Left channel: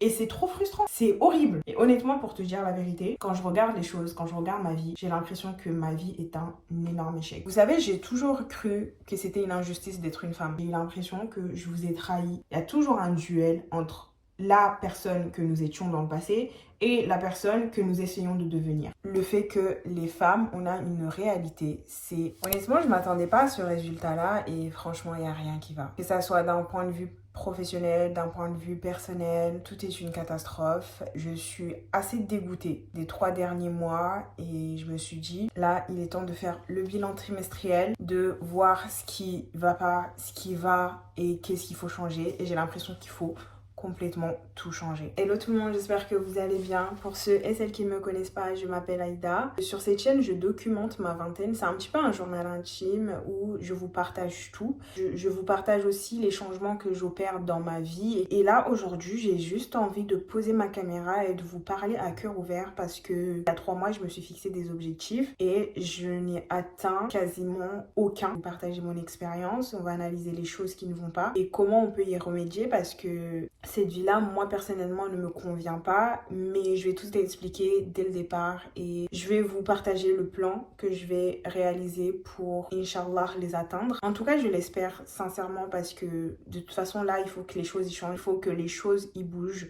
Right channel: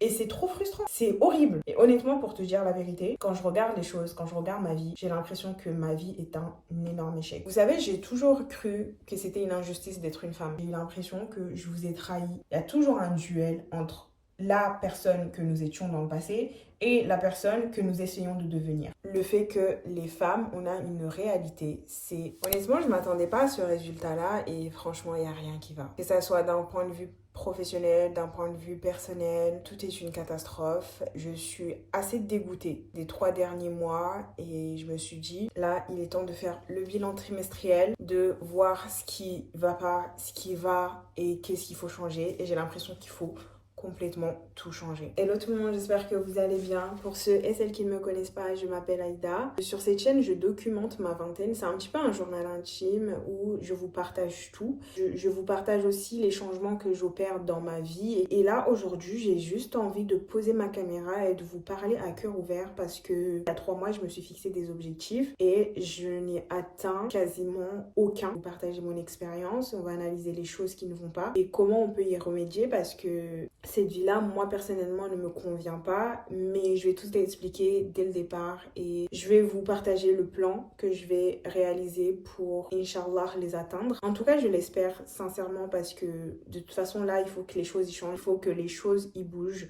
Et c'est trop frustrant, c'est horrible. Et honnêtement, pour te dire la vérité, quand je regarde les choses, quand je regarde ma vie, j'ai l'impression que ma vie est un énorme échec. Vous savez, j'ai toujours cru que c'était une injustice d'être une femme. J'ai eu l'impression que je vous ai trahi. Il y a toujours un duel entre la personne que nous étions dans le passé et la personne que nous essayons de devenir. Le fait que les femmes, on a une réalité, c'est... Honnêtement, je ne m'attendais pas à ce résultat-là et franchement, il n'y a rien qui va. Que ça soit d'un point de vue professionnel, d'un point de vue personnel, tout est une catastrophe. Je suis assez dégoûtée des 3 derniers mois et je me suis dit, là, il est temps de faire le bilan trimestriel, de voir ce qui va pas, ce qui va et qu'est-ce qu'il faut changer. Et j'ai l'impression qu'il faut complètement tout changer. Hello tout le monde, j'espère que vous allez bien. Pour ceux et celles qui ne me connaissent pas, je m'appelle Aïda. Sur cette chaîne, je documente ma vingtaine. C'est un petit peu un journal intime où je vous partage tout. Je vous partage aussi les changements que j'opère dans ma vie. Et là, aujourd'hui, j'ai juste envie de poser ma caméra et de vous parler à cœur ouvert parce que il y a 3 mois, je me suis fixé des objectifs et je n'ai atteint quasiment aucun. Je vais partager mon expérience, on va analyser les choses qui ne vont pas et comment on peut y remédier parce que cette vie-là, moi personnellement, ne me convient pas, mais je vais tout expliquer dès le départ et je vais vous partager le plan que je vais réaliser pour, Inch'Allah, les atteindre. En tout cas, je l'espère sincèrement parce que de toute façon, là, il faut que les choses y changent, il faut que les choses y bougent.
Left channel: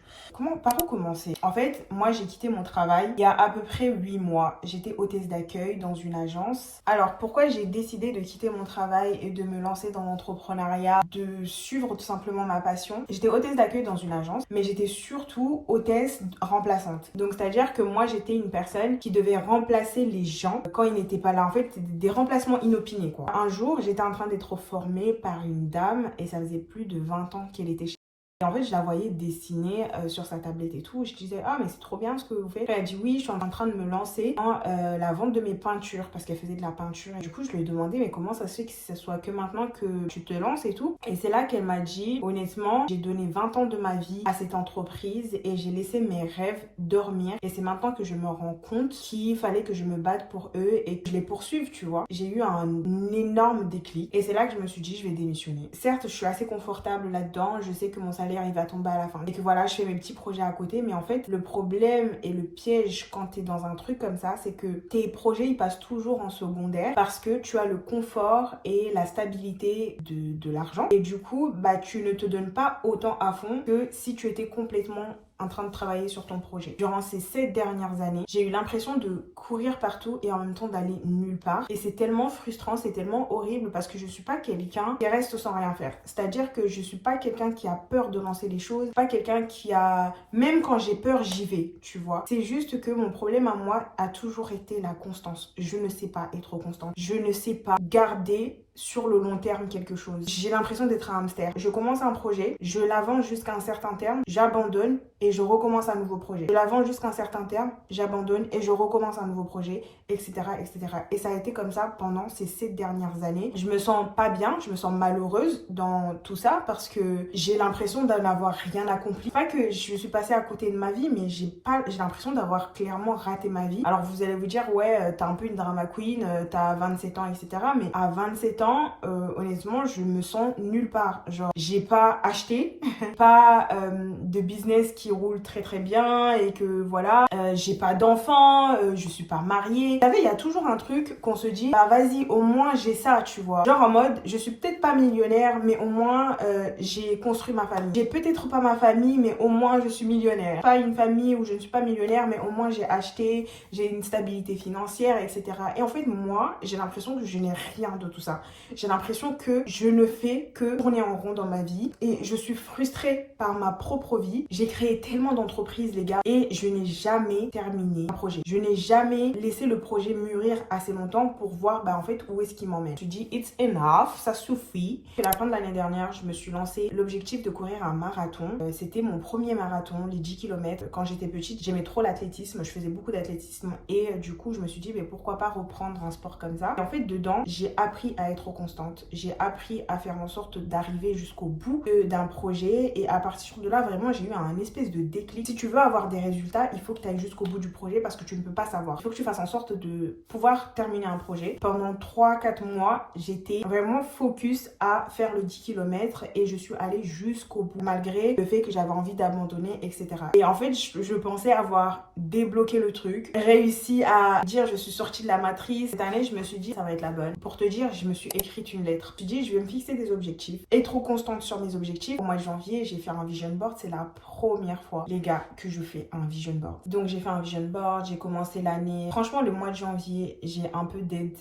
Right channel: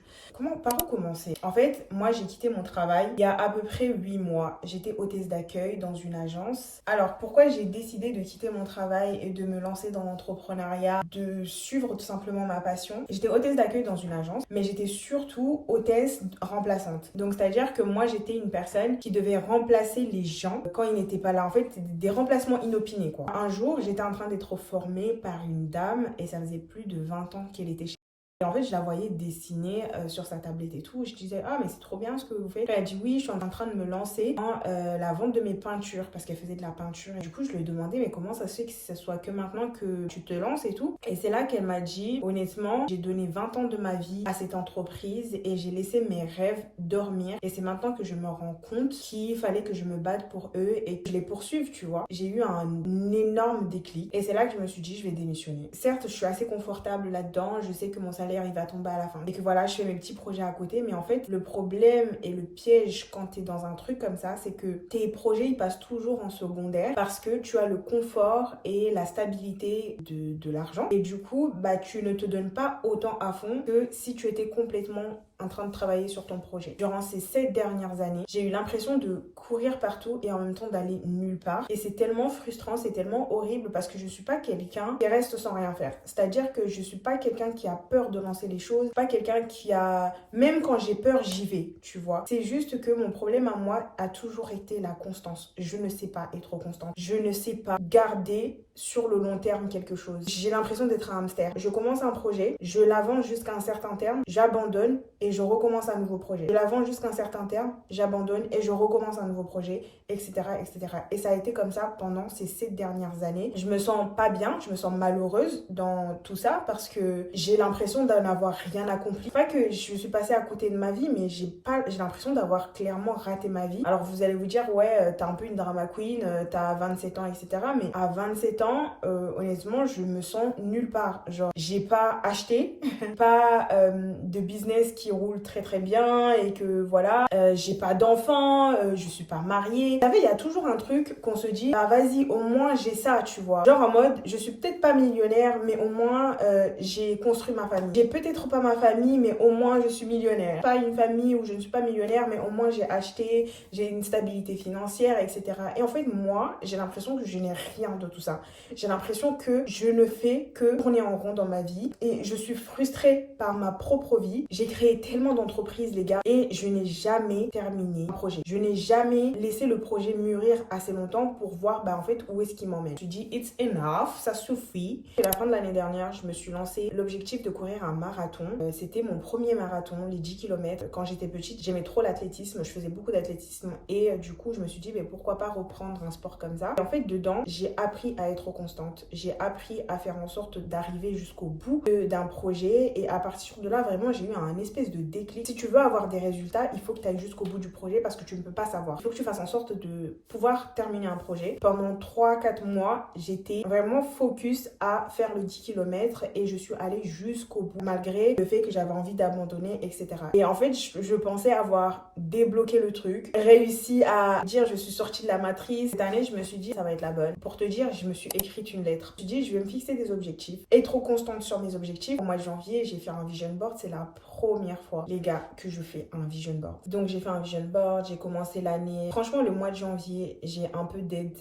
Par où commencer? En fait, moi, j'ai quitté mon travail il y a à peu près 8 mois. J'étais hôtesse d'accueil dans une agence. Alors, pourquoi j'ai décidé de quitter mon travail et de me lancer dans l'entrepreneuriat, de suivre tout simplement ma passion? J'étais hôtesse d'accueil dans une agence, mais j'étais surtout hôtesse remplaçante. Donc, c'est-à-dire que moi, j'étais une personne qui devait remplacer les gens quand ils n'étaient pas là. En fait, des remplacements inopinés, quoi. Un jour, j'étais en train d'être formée par une dame et ça faisait plus de 20 ans qu'elle était chez. Et en fait, je la voyais dessiner sur sa tablette et tout. Je disais, ah, mais c'est trop bien ce que vous faites. Elle a dit, oui, je suis en train de me lancer dans la vente de mes peintures parce qu'elle faisait de la peinture. Et du coup, je lui ai demandé, mais comment ça se fait que ce soit que maintenant que tu te lances et tout? Et c'est là qu'elle m'a dit, honnêtement, j'ai donné 20 ans de ma vie à cette entreprise et j'ai laissé mes rêves dormir. Et c'est maintenant que je me rends compte qu'il fallait que je me batte pour eux et que je les poursuive, tu vois. J'ai eu un énorme déclic. Et c'est là que je me suis dit, je vais démissionner. Certes, je suis assez confortable là-dedans. Je sais que mon salaire il va tomber à la fin et que voilà, je fais mes petits projets à côté, mais en fait le problème et le piège quand tu es dans un truc comme ça, c'est que tes projets ils passent toujours en secondaire parce que tu as le confort et la stabilité de l'argent et du coup bah tu ne te donnes pas autant à fond que si tu étais complètement en train de travailler sur ton projet. Durant ces 7 dernières années, j'ai eu l'impression de courir partout et en même temps d'aller nulle part. Et c'est tellement frustrant, c'est tellement horrible parce que je suis pas quelqu'un qui reste sans rien faire. C'est-à-dire que je suis pas quelqu'un qui a peur de lancer les choses, pas quelqu'un qui a... Même quand j'ai peur, j'y vais, tu vois. C'est juste que mon problème à moi a toujours été la constance. Je ne sais pas être constante. Je ne sais pas garder sur le long terme quelque chose. J'ai l'impression d'être un hamster. Je commence un projet, je l'avance jusqu'à un certain terme, j'abandonne et je recommence un nouveau projet. Je l'avance jusqu'à un certain terme, j'abandonne et je recommence un nouveau projet, etc., etc. Et ça a été comme ça pendant ces 7 dernières années. Je me sens pas bien, je me sens malheureuse dans tout ça parce que j'ai l'impression d'en avoir rien accompli. Pas que je suis passée à côté de ma vie, mais j'ai l'impression d'avoir clairement raté ma vie. Alors vous allez vous dire, ouais, t'as un peu une drama queen, t'as 27 ans, etc. Mais à 27 ans, honnêtement, je me sens nulle part. Genre, j'ai pas acheté, pas de business qui roule très très bien et que voilà, j'ai pas d'enfants, je suis pas mariée. Vous savez, il y a toujours un truc qu'on se dit, ah vas-y, au moins j'ai ça, tu vois. Genre en mode, je suis peut-être pas millionnaire, mais au moins j'ai construit ma famille. J'ai peut-être pas ma famille, mais au moins je suis millionnaire. Pas une famille où je ne suis pas millionnaire, mais au moins j'ai acheté, j'ai une stabilité financière, etc. Et en fait, moi, j'ai l'impression que je n'ai rien de tout ça. J'ai l'impression que je ne fais que tourner en rond dans ma vie et je suis frustrée par ma propre vie. J'ai créé tellement d'entreprises, les gars, et je n'ai jamais terminé un projet. Je n'ai jamais laissé le projet mûrir assez longtemps pour voir en fait où est-ce qu'il m'emmène. Je dis it's enough, ça suffit. À la fin de l'année dernière, je me suis lancé l'objectif de courir un marathon. C'était mon premier marathon, les 10 km. Quand j'étais petite, j'aimais trop l'athlétisme, je faisais beaucoup d'athlétisme et du coup, je me suis dit mais pourquoi pas reprendre un sport comme ça. Et en fait, dedans, j'ai appris à être trop constante. J'ai appris à faire en sorte d'arriver jusqu'au bout d'un projet et à partir de là, vraiment, j'ai eu un espèce de déclic. Si tu veux avoir des résultats, il faut que tu ailles jusqu'au bout du projet parce que tu ne peux pas savoir. Il faut que tu fasses en sorte de pouvoir terminer un projet. Pendant 3-4 mois, j'étais vraiment focus à faire le 10 km et je suis allée jusqu'au bout malgré le fait que j'avais envie d'abandonner, etc. Et en fait, je pensais avoir débloqué le truc, réussi à dire je suis sortie de la matrice. Cette année, je me suis dit ça va être la bonne. Pour te dire, je me suis écrite une lettre. Je me suis dit je vais me fixer des objectifs, être trop constante sur mes objectifs. Au mois de janvier, j'ai fait un vision board. C'est la première fois, les gars, que je fais un vision board. Donc j'ai fait un vision board, j'ai commencé l'année. Franchement, le mois de janvier, j'ai un peu d'aide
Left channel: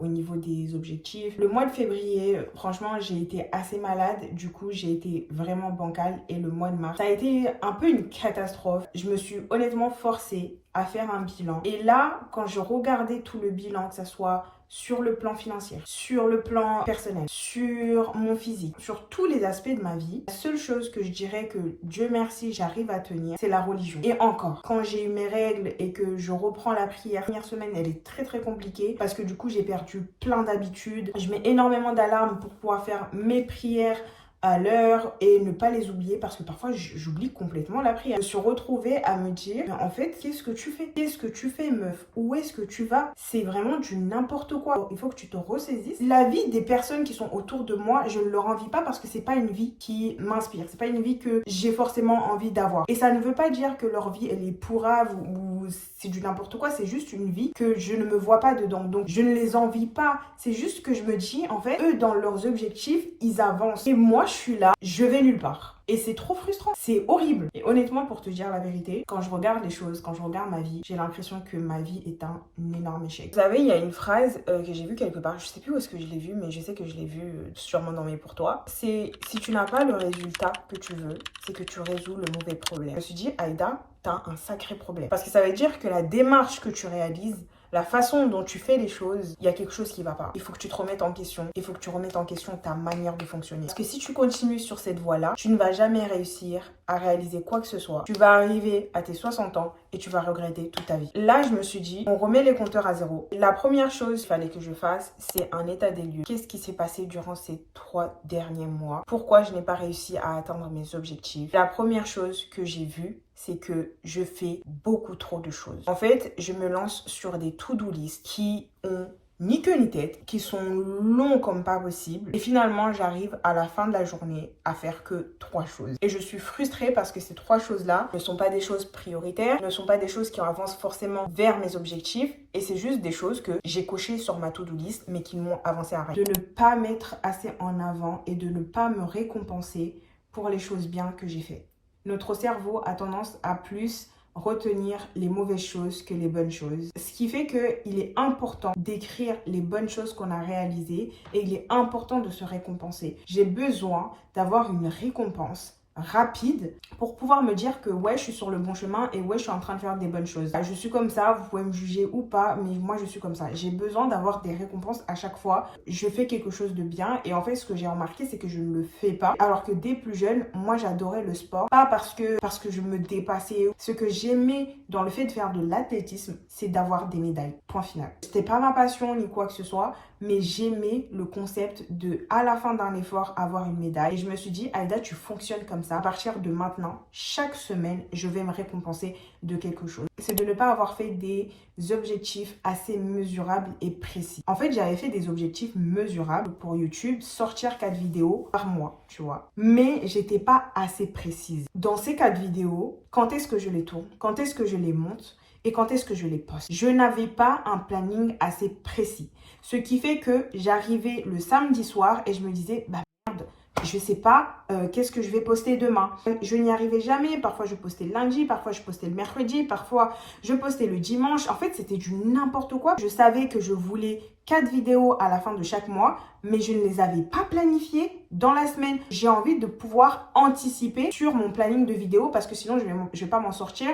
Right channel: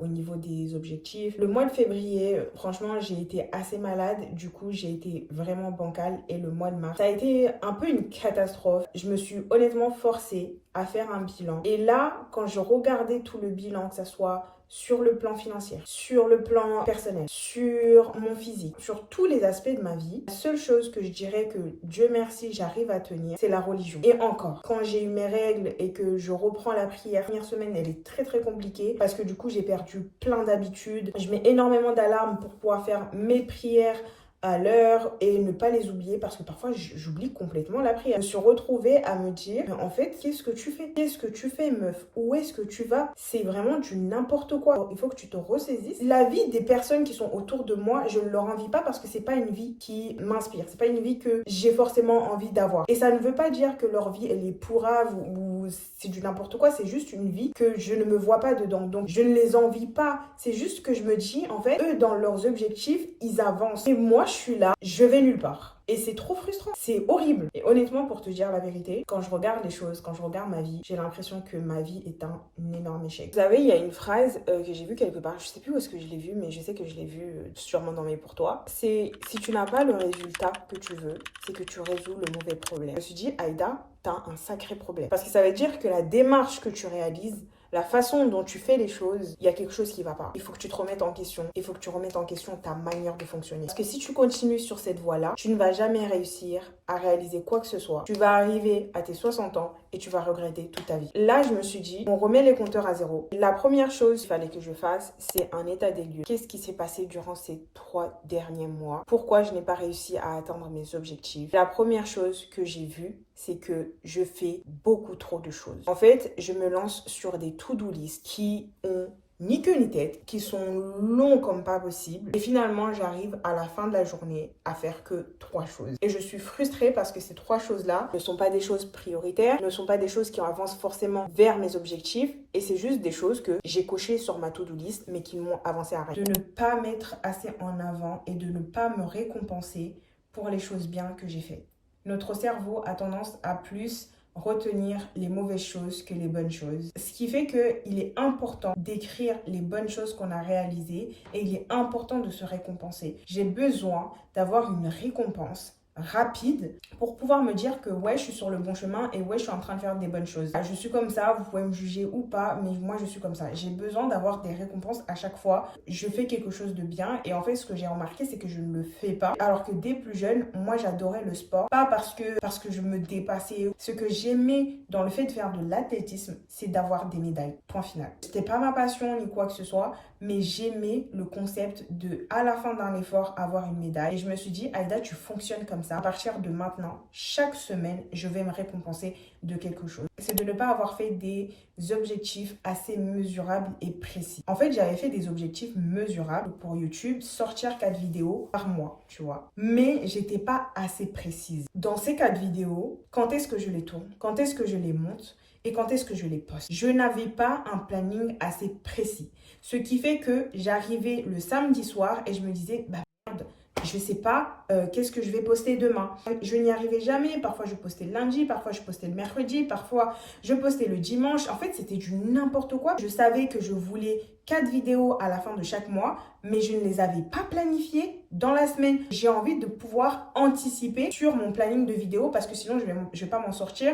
au niveau des objectifs. Le mois de février, franchement, j'ai été assez malade. Du coup, j'ai été vraiment bancale. Et le mois de mars, ça a été un peu une catastrophe. Je me suis honnêtement forcée à faire un bilan. Et là, quand je regardais tout le bilan, que ça soit sur le plan financier, sur le plan personnel, sur mon physique, sur tous les aspects de ma vie, la seule chose que je dirais que Dieu merci j'arrive à tenir, c'est la religion. Et encore, quand j'ai eu mes règles et que je reprends la prière, la première semaine elle est très très compliquée parce que du coup j'ai perdu plein d'habitudes. Je mets énormément d'alarmes pour pouvoir faire mes prières à l'heure et ne pas les oublier parce que parfois j'oublie complètement la prière. Je me suis retrouvée à me dire en fait qu'est-ce que tu fais? Qu'est-ce que tu fais meuf? Où est-ce que tu vas? C'est vraiment du n'importe quoi. Il faut que tu te ressaisisses. La vie des personnes qui sont autour de moi, je ne leur envie pas parce que c'est pas une vie qui m'inspire. C'est pas une vie que j'ai forcément envie d'avoir. Et ça ne veut pas dire que leur vie elle est pourrave ou c'est du n'importe quoi. C'est juste une vie que je ne me vois pas dedans. Donc je ne les envie pas. C'est juste que je me dis en fait eux dans leurs objectifs ils avancent. Et moi je suis là, je vais nulle part. Et c'est trop frustrant, c'est horrible. Et honnêtement, pour te dire la vérité, quand je regarde les choses, quand je regarde ma vie, j'ai l'impression que ma vie est un énorme échec. Vous savez, il y a une phrase que j'ai vue quelque part, je sais plus où est-ce que je l'ai vue, mais je sais que je l'ai vue sûrement dans mes pour toi. C'est si tu n'as pas le résultat que tu veux, c'est que tu résous le mauvais problème. Je me suis dit, Aïda, t'as un sacré problème. Parce que ça veut dire que la démarche que tu réalises, la façon dont tu fais les choses, il y a quelque chose qui va pas. Il faut que tu te remettes en question. Il faut que tu remettes en question ta manière de fonctionner. Parce que si tu continues sur cette voie-là, tu ne vas jamais réussir à réaliser quoi que ce soit. Tu vas arriver à tes 60 ans et tu vas regretter toute ta vie. Là, je me suis dit, on remet les compteurs à zéro. La première chose qu'il fallait que je fasse, c'est un état des lieux. Qu'est-ce qui s'est passé durant ces 3 derniers mois? Pourquoi je n'ai pas réussi à atteindre mes objectifs? La première chose que j'ai vue, c'est que je fais beaucoup trop de choses. En fait, je me lance sur des to-do list qui ont ni queue ni tête, qui sont longs comme pas possible. Et finalement, j'arrive à la fin de la journée à faire que 3 choses. Et je suis frustrée parce que ces 3 choses-là ne sont pas des choses prioritaires, ne sont pas des choses qui avancent forcément vers mes objectifs. Et c'est juste des choses que j'ai cochées sur ma to-do list, mais qui m'ont avancé à rien. De ne pas mettre assez en avant et de ne pas me récompenser pour les choses bien que j'ai faites. Notre cerveau a tendance à plus retenir les mauvaises choses que les bonnes choses. Ce qui fait qu'il est important d'écrire les bonnes choses qu'on a réalisées et il est important de se récompenser. J'ai besoin d'avoir une récompense rapide pour pouvoir me dire que ouais je suis sur le bon chemin et ouais je suis en train de faire des bonnes choses. Je suis comme ça, vous pouvez me juger ou pas, mais moi je suis comme ça. J'ai besoin d'avoir des récompenses à chaque fois. Je fais quelque chose de bien et en fait ce que j'ai remarqué c'est que je ne le fais pas. Alors que dès plus jeune, moi j'adorais le sport. Pas parce que je me dépassais. Ce que j'aimais dans le fait de faire de l'athlétisme, c'est d'avoir des médailles. Point final. C'était pas ma passion ni quoi que ce soit, mais j'aimais le concept de à la fin d'un effort avoir une médaille. Et je me suis dit, Aïda, tu fonctionnes comme ça. À partir de maintenant, chaque semaine, je vais me récompenser de quelque chose. C'est de ne pas avoir fait des objectifs assez mesurables et précis. En fait, j'avais fait des objectifs mesurables pour YouTube, sortir 4 vidéos par mois, tu vois. Mais j'étais pas assez précise. Dans ces 4 vidéos, quand est-ce que je les tourne? Quand est-ce que je les monte? Et quand est-ce que je les poste? Je n'avais pas un planning assez précis. Ce qui fait que j'arrivais le samedi soir et je me disais, bah merde, je sais pas qu'est-ce que je vais poster demain. Je n'y arrivais jamais. Parfois, je postais le lundi, parfois, je postais le mercredi, parfois, je postais le dimanche. En fait, c'était du n'importe quoi. Je savais que je voulais 4 vidéos à la fin de chaque mois, mais je ne les avais pas planifiées dans la semaine. J'ai envie de pouvoir anticiper sur mon planning de vidéos parce que sinon, je vais pas m'en sortir.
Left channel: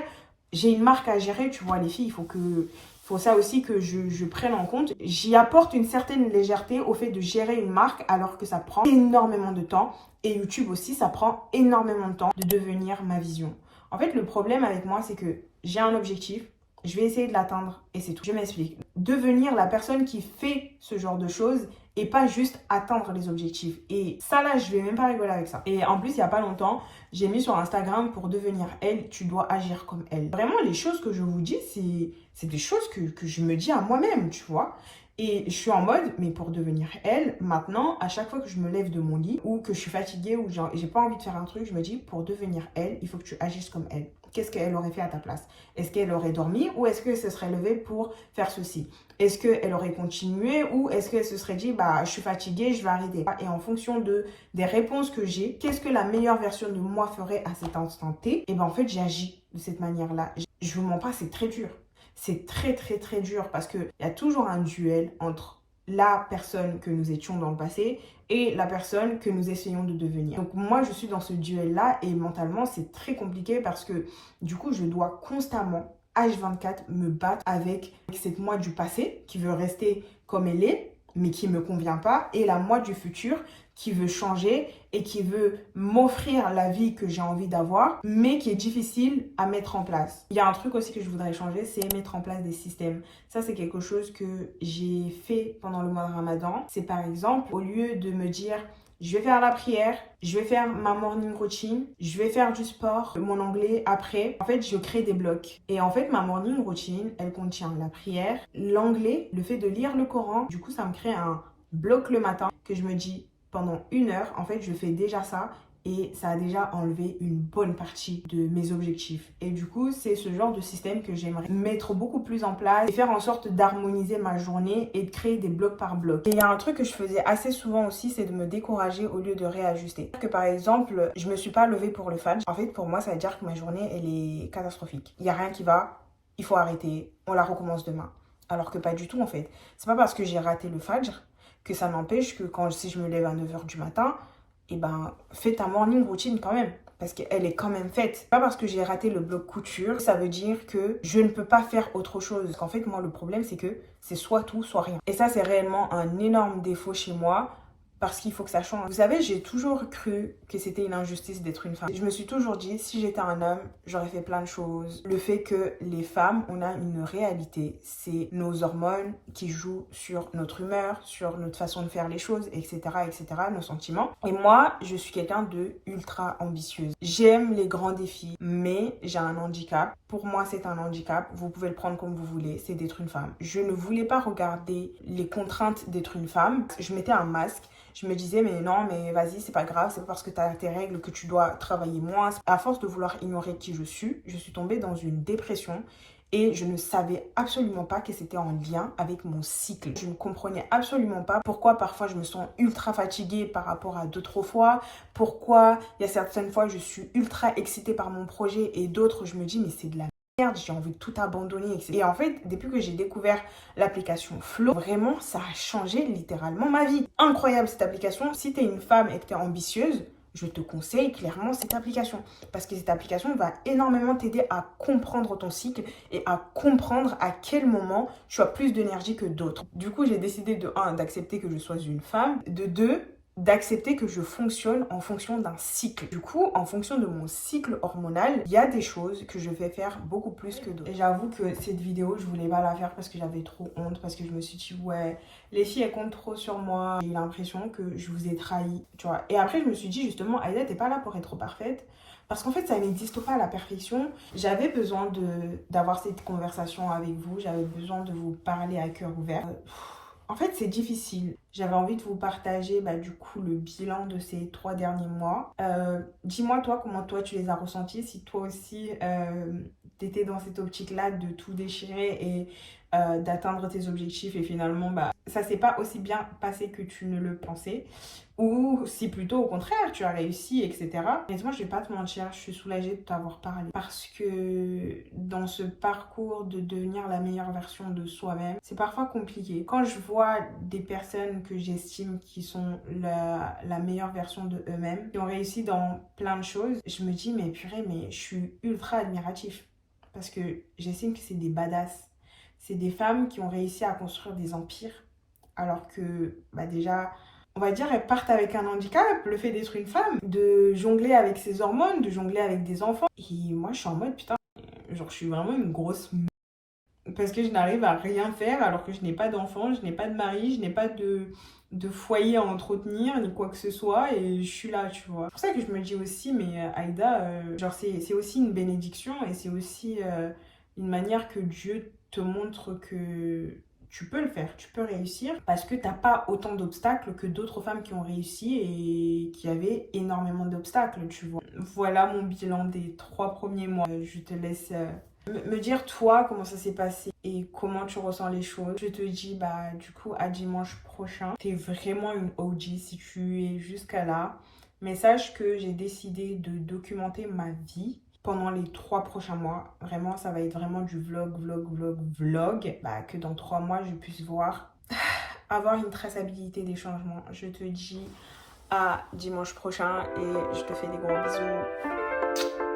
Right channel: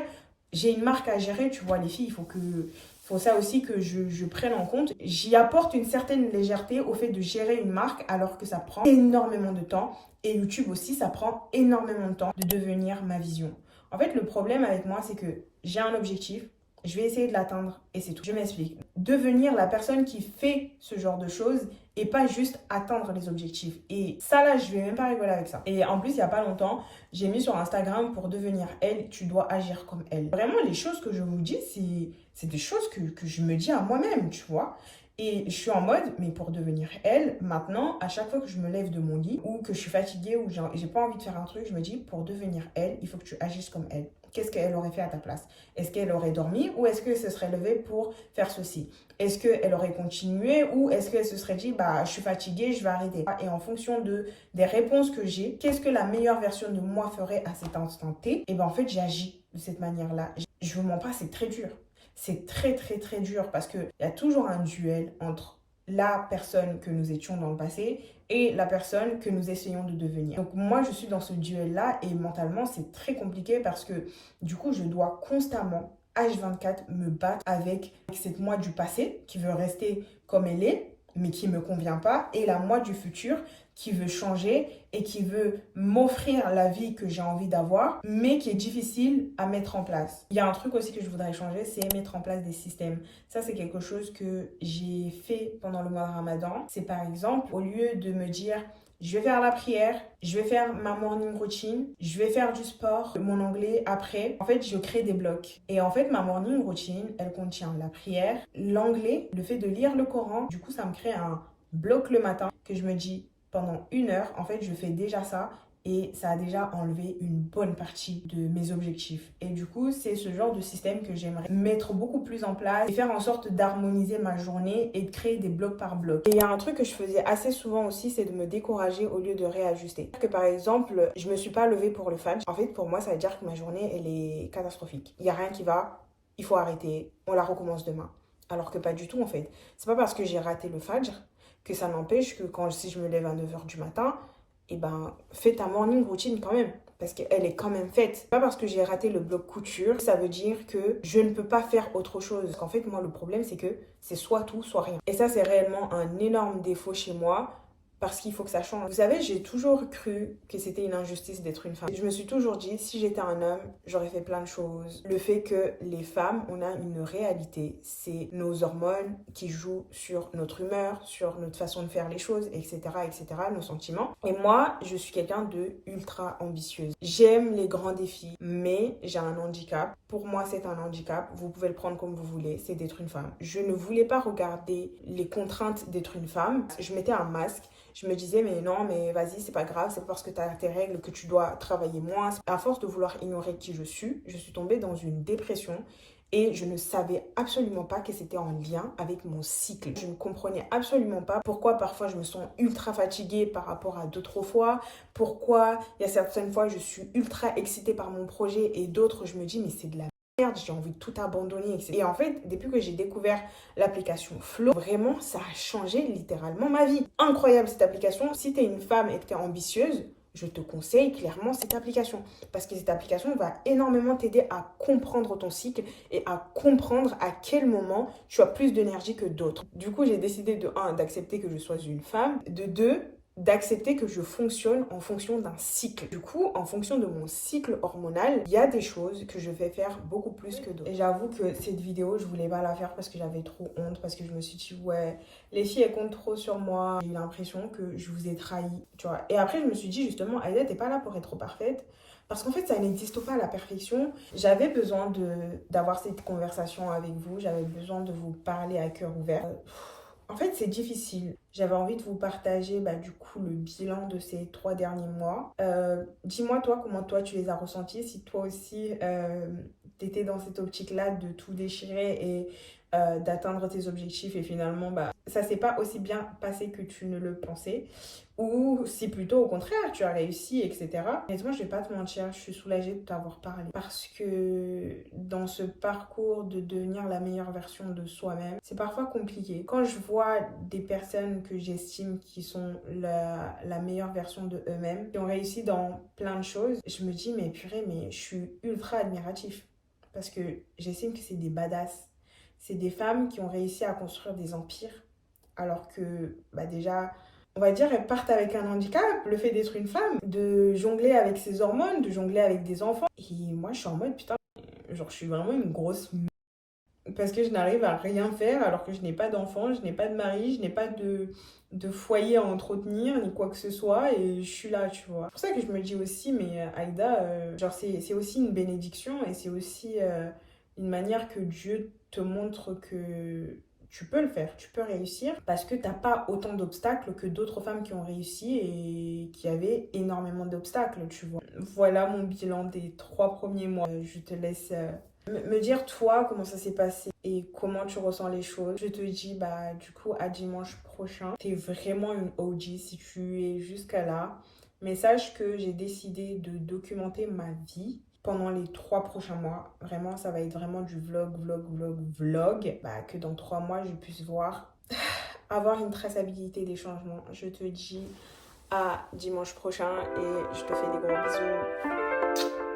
J'ai une marque à gérer, tu vois, les filles, il faut ça aussi que je prenne en compte. J'y apporte une certaine légèreté au fait de gérer une marque alors que ça prend énormément de temps. Et YouTube aussi, ça prend énormément de temps de devenir ma vision. En fait, le problème avec moi, c'est que j'ai un objectif, je vais essayer de l'atteindre et c'est tout. Je m'explique. Devenir la personne qui fait ce genre de choses et pas juste atteindre les objectifs. Et ça là, je vais même pas rigoler avec ça. Et en plus, il y a pas longtemps, j'ai mis sur Instagram pour devenir elle, tu dois agir comme elle. Vraiment, les choses que je vous dis, c'est des choses que je me dis à moi-même, tu vois. Et je suis en mode, mais pour devenir elle, maintenant, à chaque fois que je me lève de mon lit ou que je suis fatiguée ou j'ai pas envie de faire un truc, je me dis, pour devenir elle, il faut que tu agisses comme elle. Qu'est-ce qu'elle aurait fait à ta place? Est-ce qu'elle aurait dormi ou est-ce qu'elle se serait levée pour faire ceci? Est-ce qu'elle aurait continué ou est-ce qu'elle se serait dit, bah, je suis fatiguée, je vais arrêter? Et en fonction des réponses que j'ai, qu'est-ce que la meilleure version de moi ferait à cet instant T? Et ben en fait, j'agis de cette manière-là. Je vous mens pas, c'est très dur. C'est très, très, très dur parce qu'il y a toujours un duel entre la personne que nous étions dans le passé et la personne que nous essayons de devenir. Donc moi, je suis dans ce duel-là et mentalement, c'est très compliqué parce que du coup, je dois constamment, H24, me battre avec cette moi du passé qui veut rester comme elle est, mais qui ne me convient pas, et la moi du futur qui veut changer et qui veut m'offrir la vie que j'ai envie d'avoir, mais qui est difficile à mettre en place. Il y a un truc aussi que je voudrais changer, c'est mettre en place des systèmes. Ça, c'est quelque chose que j'ai fait pendant le mois de Ramadan. C'est par exemple, au lieu de me dire, je vais faire la prière, je vais faire ma morning routine, je vais faire du sport, mon anglais après. En fait, je crée des blocs. Et en fait, ma morning routine, elle contient la prière, l'anglais, le fait de lire le Coran. Du coup, ça me crée un bloc le matin que je me dis, pendant 1 heure, en fait, je fais déjà ça et ça a déjà enlevé une bonne partie de mes objectifs. Et du coup, c'est ce genre de système que j'aimerais mettre beaucoup plus en place et faire en sorte d'harmoniser ma journée et de créer des blocs par bloc. Et il y a un truc que je faisais assez souvent aussi, c'est de me décourager au lieu de réajuster. Que par exemple, je me suis pas levée pour le fajr. En fait, pour moi, ça veut dire que ma journée, elle est catastrophique. Il y a rien qui va, il faut arrêter, on la recommence demain. Alors que pas du tout, en fait. C'est pas parce que j'ai raté le fajr que ça n'empêche que si je me lève à 9 h du matin, eh ben, fais ta morning routine quand même. Parce qu'elle est quand même faite. Pas parce que j'ai raté le bloc couture, ça veut dire que je ne peux pas faire autre chose. Parce qu'en fait, moi, le problème, c'est que c'est soit tout, soit rien. Et ça, c'est réellement un énorme défaut chez moi. Parce qu'il faut que ça change. Vous savez, j'ai toujours cru que c'était une injustice d'être une femme. Je me suis toujours dit, si j'étais un homme, j'aurais fait plein de choses. Le fait que les femmes, on a une réalité. C'est nos hormones qui jouent sur notre humeur, sur notre façon de faire les choses, etc., etc., nos sentiments. Et moi, je suis quelqu'un de ultra ambitieuse. J'aime les grands défis, mais j'ai un handicap. Pour moi, c'est un handicap. Vous pouvez le prendre comme vous voulez. C'est d'être une femme. Je ne voulais pas regarder les contraintes d'être une femme. Je mettais un masque. Je me disais, mais non, mais vas-y, c'est pas grave, c'est pas parce que tu as tes règles que tu dois travailler moins. À force de vouloir ignorer qui je suis tombée dans une dépression et je ne savais absolument pas que c'était en lien avec mon cycle. Je ne comprenais absolument pas pourquoi parfois je me sens ultra fatiguée par rapport à d'autres fois, pourquoi il y a certaines fois je suis ultra excitée par mon projet et d'autres je me dis, mais c'est de la merde, j'ai envie de tout abandonner, etc. Et en fait, depuis que j'ai découvert l'application Flow, vraiment, ça a changé littéralement ma vie. Incroyable cette application. Si tu es une femme et que tu es ambitieuse, je te conseille clairement cette application. Parce que cette application va énormément t'aider à comprendre ton cycle et à comprendre à quel moment tu as plus d'énergie que d'autres. Du coup, j'ai décidé de 1, d'accepter que je sois une femme, de 2, d'accepter que je fonctionne en fonction d'un cycle. Du coup, en fonction de mon cycle hormonal, il y a des choses que je vais faire beaucoup plus que d'autres. Et j'avoue que cette vidéo, je voulais pas la faire parce que j'avais trop honte, parce que je me suis dit, ouais, les filles, elles comptent trop sur moi. J'ai eu l'impression que je vous ai trahi, tu vois. Et après, je me suis dit, justement, Aïda, t'es pas là pour être parfaite. Parce qu'en fait, ça n'existe pas à la perfection. J'avais besoin d'avoir cette conversation avec vous. J'avais besoin de vous parler à cœur ouvert. En fait, c'est difficile. J'avais envie de vous partager du coup le bilan de ces 3 derniers mois. Dis-moi toi comment toi tu les as ressentis, si toi aussi t'étais dans cette optique-là de tout déchirer et d'atteindre tes objectifs et finalement ça s'est pas aussi bien passé que tu ne le pensais. Ou si plutôt au contraire, tu as réussi, etc. Honnêtement, je vais pas te mentir, je suis soulagée de t'avoir parlé. Parce que dans ce parcours de devenir la meilleure version de soi-même, c'est parfois compliqué. Quand je vois des personnes que j'estime qui sont la meilleure version de eux-mêmes, qui ont réussi dans plein de choses, je me dis, mais purée, mais je suis ultra admiratif. Parce que j'estime que c'est des badass. C'est des femmes qui ont réussi à construire des empires. Alors que déjà... On va dire, elles partent avec un handicap, le fait d'être une femme, de jongler avec ses hormones, de jongler avec des enfants. Et moi, je suis en mode, putain, genre, je suis vraiment une grosse parce que je n'arrive à rien faire alors que je n'ai pas d'enfant, je n'ai pas de mari, je n'ai pas de foyer à entretenir ni quoi que ce soit et je suis là, tu vois. C'est pour ça que je me dis aussi, mais Aïda, genre c'est aussi une bénédiction et c'est aussi une manière que Dieu te montre que tu peux le faire, tu peux réussir parce que t'as pas autant d'obstacles que d'autres femmes qui ont réussi et qui avaient énormément d'obstacles, tu vois. Voilà mon bilan des 3 premiers mois. Je te laisse me dire toi comment ça s'est passé et comment tu ressens les choses. Je te dis bah du coup à dimanche prochain. T'es vraiment une OG si tu es jusqu'à là. Mais sache que j'ai décidé de documenter ma vie pendant les 3 prochains mois. Vraiment, ça va être vraiment du vlog. Bah, que dans 3 mois, je puisse voir, avoir une traçabilité des changements. Je te dis à dimanche prochain et je te fais des gros bisous.